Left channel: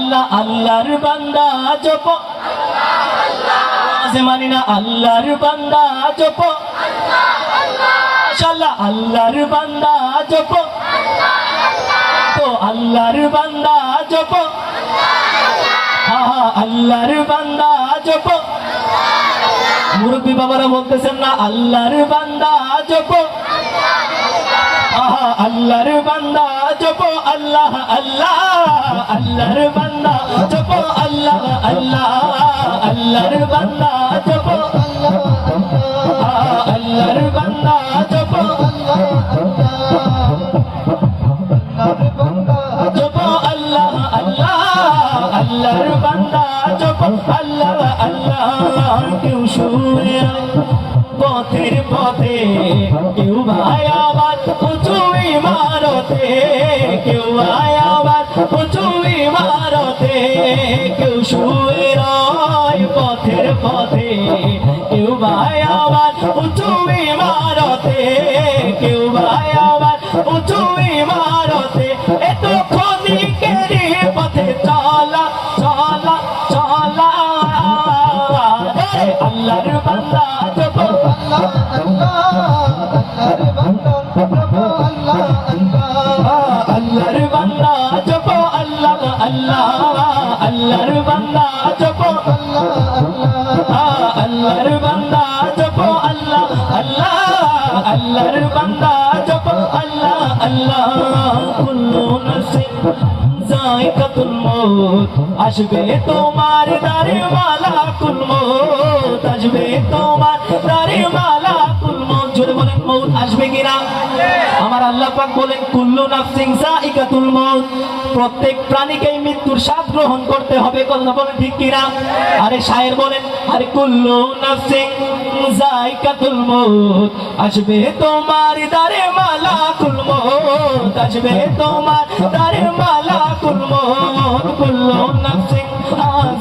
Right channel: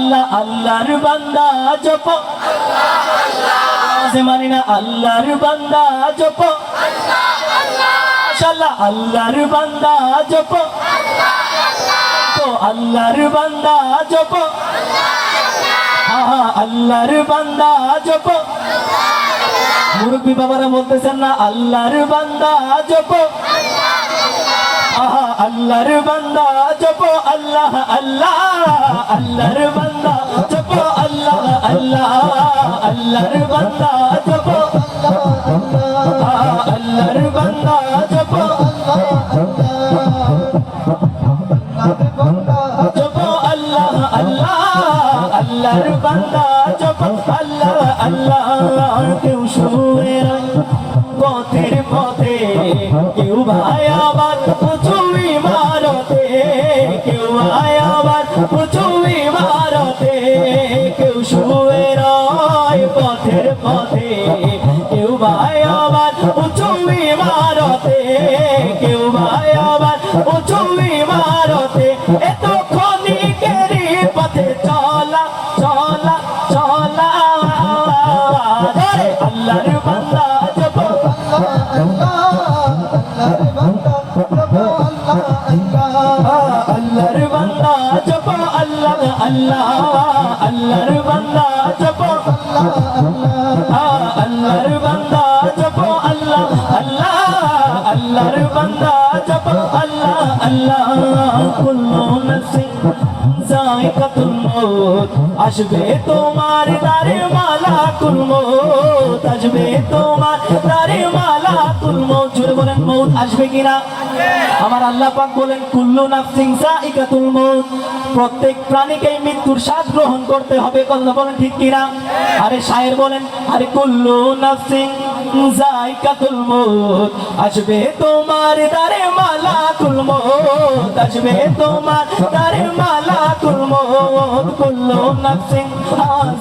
আল্লাহ আল্লাহর বান্দা জপ আওয়াজে মানি না আল্লাহর বান্দা জপ শালা আল্লাহর বান্দা জপ তো আল্লাহর বান্দা জপ আল্লাহর বান্দা জপ মুরব্বী বাবারা বলতেছেন না আল্লাহর বান্দা জপ আল্লাহর বান্দা জপ আল্লাহ আল্লাহ আল্লাহর বান্দা জপ আল্লাহ আল্লাহ আল্লাহর বান্দা জপ আল্লাহর বান্দা জপ জপ আল্লাহ আল্লাহ আল্লাহর বান্দা জপ আল্লাহ আল্লাহ কেউ শুয়ে পথের পথে কেউ ভাই আবার উঁচু ইমারতে কেউ ভাই আবার উঁচু ইমারতে কেউ শুয়ে রয় পথের পথে কেউ ভাই আবার উঁচু ইমারতে কেউ ভাই আবার উঁচু ইমারতে এত ক্ষণিকেরই পথে চলা চলা চলা আল্লাহর বান্দা আল্লাহর বান্দা জপ আল্লাহ আল্লাহ আল্লাহর বান্দা জপ আল্লাহর বান্দা জপ আল্লাহ আল্লাহ আল্লাহর বান্দা জপ আল্লাহ আল্লাহ কুল্লু নাফসিন যায়কাতুল মউত আসবে তোমার দারে মালাকুল মউত আসবে তোমার দারে মালাকুল মউত জোরে বলেন মউত আসবে কিনা আমার আল্লাহ পাক বলেন কুল্লু নাফসিন যায়কাতুল মউত প্রত্যেক প্রাণীকে মৃত্যুর স্বাদ গ্রহণ করতে হবে কথা বলেন ঠিক কিনা আরে শায়ের বলেন আরে কুল্লু নাফসিন যায়কাতুল মউত আসবে তোমার দারে মালাকুল মউত আসবে তোমার দারে মালাকুল মউত কুল্লু নাফসিন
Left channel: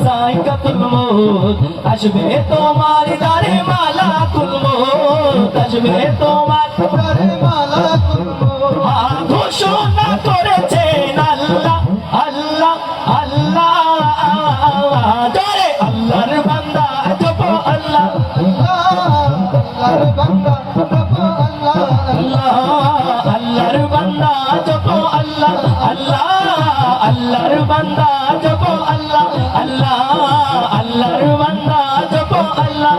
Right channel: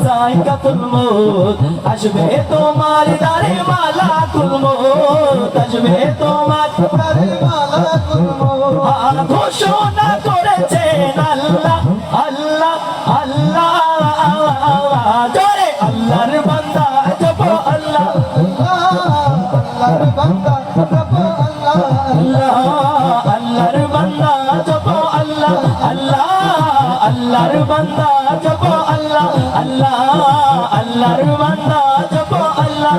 যায়কাতুল মউত আসবে তোমার দারে মালাকুল মউত আসবে তোমার দারে মালাকুল মউত ঘোষণা করেছেন আল্লাহ আল্লাহ আল্লাহ জোরে আল্লাহর বান্দা জপ আল্লাহ আল্লাহর বান্দা জপ আল্লাহ আল্লাহর বান্দা জপ আল্লাহ আল্লাহ আল্লাহর বান্দা জপ আল্লাহ আল্লাহ আল্লাহর বান্দা জপ আল্লাহ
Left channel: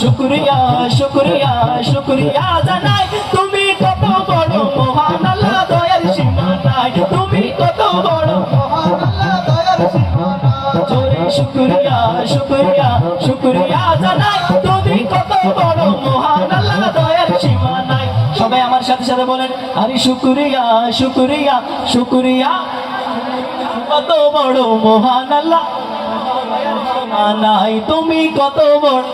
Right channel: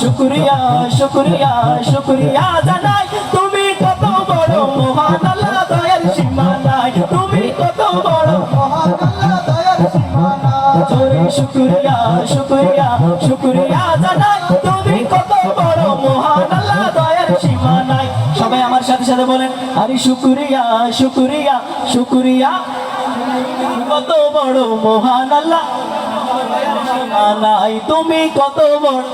শুকরিয়া শুকরিয়া শুকরিয়া জানাই তুমি কত বড় মহান আল্লাহ দয়ার সীমা নাই তুমি কত বড় মহান আল্লাহ দয়ার সীমা নাই জোরে শুকরিয়া শুকরিয়া শুকরিয়া জানাই তুমি কত বড় মহান আল্লাহ দয়ার সীমা নাই সবাই আমার সাথে সাথে বলেন আরে শুকরিয়া শুকরিয়া শুকরিয়া কত বড় মহান আল্লাহ দয়ার সীমা নাই তুমি কত বড়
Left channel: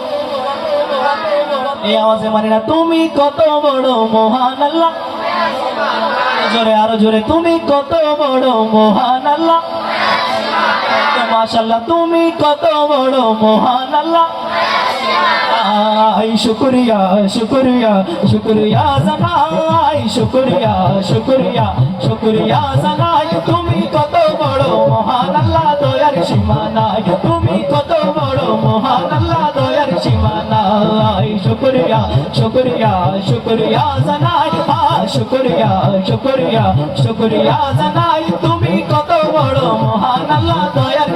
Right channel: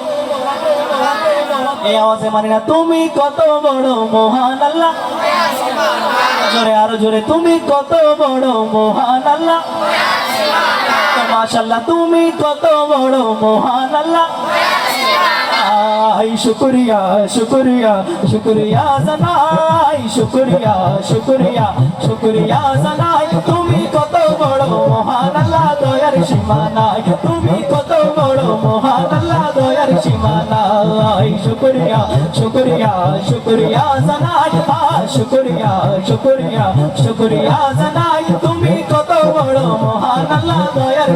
এই আওয়াজে মানি না তুমি কত বড় মহান আল্লাহ জোরে আরো জোরে তুমি কত বড় মহান আল্লাহ মাশাআল্লাহ তুমি কত বড় মহান আল্লাহ শুকরিয়া শুকরিয়া শুকরিয়া জানাই শুকরিয়া শুকরিয়া শুকরিয়া জানাই তুমি কত বড় মহান আল্লাহ দয়ার সীমা নাই তুমি কত বড় মহান আল্লাহ দয়ার সীমা নাই শুকরিয়া শুকরিয়া শুকরিয়া জানাই শুকরিয়া শুকরিয়া শুকরিয়া জানাই তুমি কত বড় মহান আল্লাহ দয়ার